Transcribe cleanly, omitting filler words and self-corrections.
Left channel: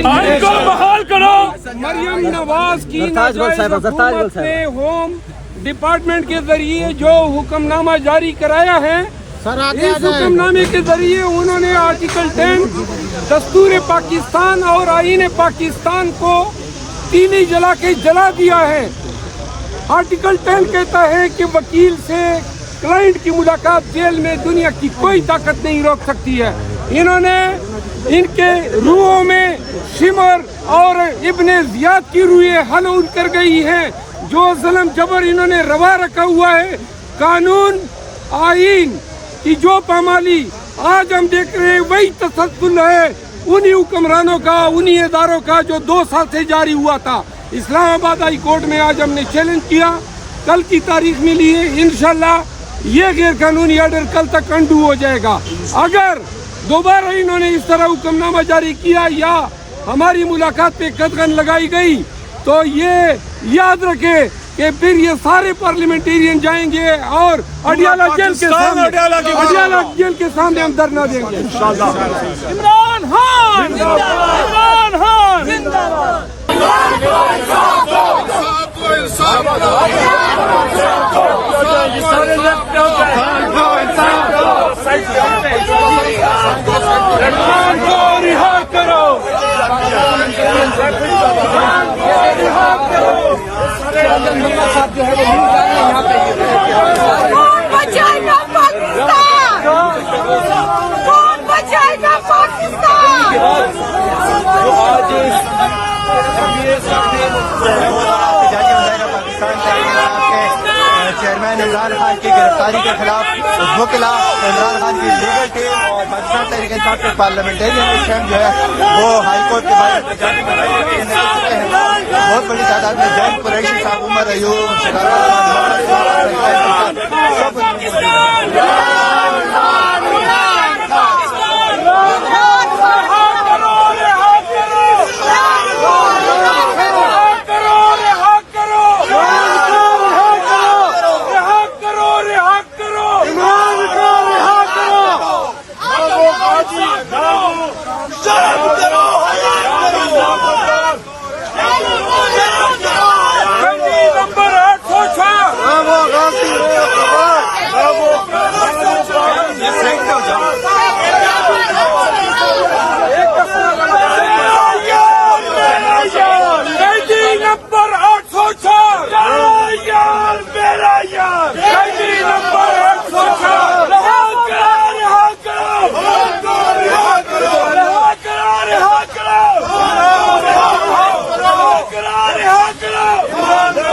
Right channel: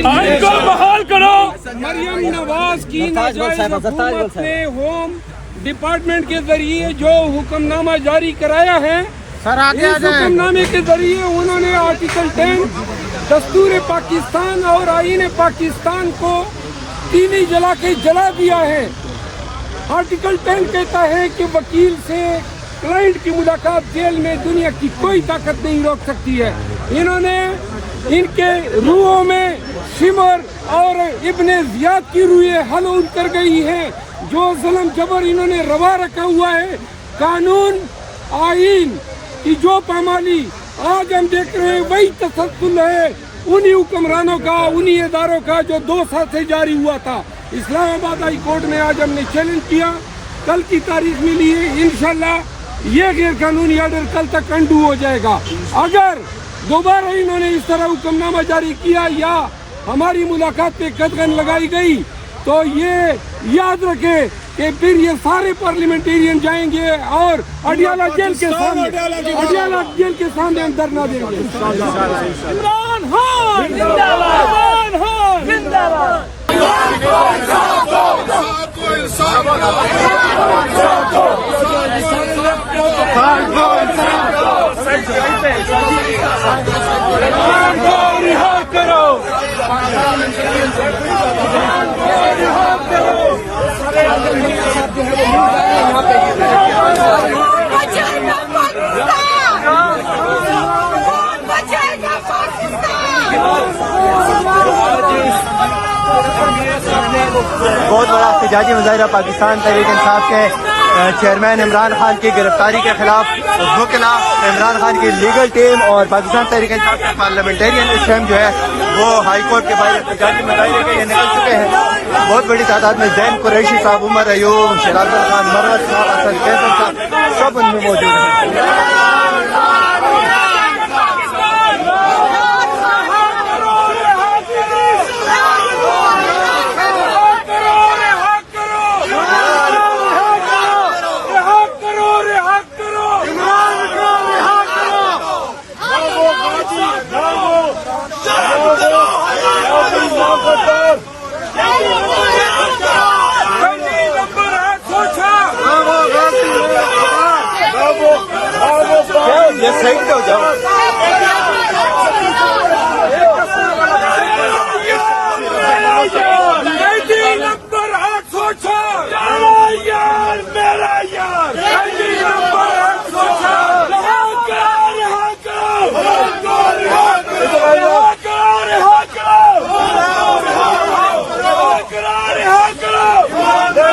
इनको बहाल करो। मरियम नवाज की नाजायज हुकूमत ने होम डिपार्टमेंट के जरिए जो हुक्मनामा जारी कराया है, इस हुक्मनामे के जरिए उन्होंने आर्टिकल 10 दस्तूर पाकिस्तान और आईन पाकिस्तान को तीली जला के जला दिया है। आर्टिकल 10 कहता है कि वकील से क्लाइंट की मुलाकात जेल में दुनिया की कोई ताकत नहीं रोक सकती है। इन्होंने इनके रूहों में शिमर और इब्ने जियाद की रूहें हलूल कर गई हैं। जो जुल्म जबर इन्होंने रवा रखा हुआ है, कानून आईन की जो पामाली आज हम देख रहे हैं, वही तसद्दुल है उन्हीं हुक्मरानों का, उन्हीं इदारों का जो 2 साल से जारी हुआ था। इस्लामाबाद हाई कोर्ट में आज हमने चैलेंज किया, कल की तारीख मिली है, इंशाल्लाह ये गैर कानूनी ऑर्डर कल तक अंडू हो जाएगा। अगर दोबारा इन्होंने इस तरह हुक्मनामा जारी किया या हमारी मुलाकात पे कदगन लगाई गई तो ये याद रखे कि फिर ये सारे पार्लियामेंटेरियन जाएंगे और अडियाला जेल के सामने हम धरना देंगे। इमरान खान इमरान खान रिहा करो, रिहा करो। बचाएगा पाकिस्तान, बचाएगा पाकिस्तान। बहुत बड़ा एहतजाजी मुजाहिरा पाकिस्तान तहरीक इंसाफ के चेयरमैन इमरान खान की गिरफ्तारी के खिलाफ वकीला, इमरान खान की लीगल टीम और पाकिस्तान तहरीक इंसाफ के पार्लियामेंटेरियन इस टाइम जो है वो हाई कोर्ट के बाहर एहतजाजी मुजाहिरे के लिए निकल चुके हैं। बहुत बड़ी तादाद में जैन कुरैशी साहब, उमर अयूब, सिराज खान, मरहत साहब सब उनमें मौजूद हैं। ये सही हो जाओ। नंबर 806 मेरा यार, नंबर 806 रिहा करो।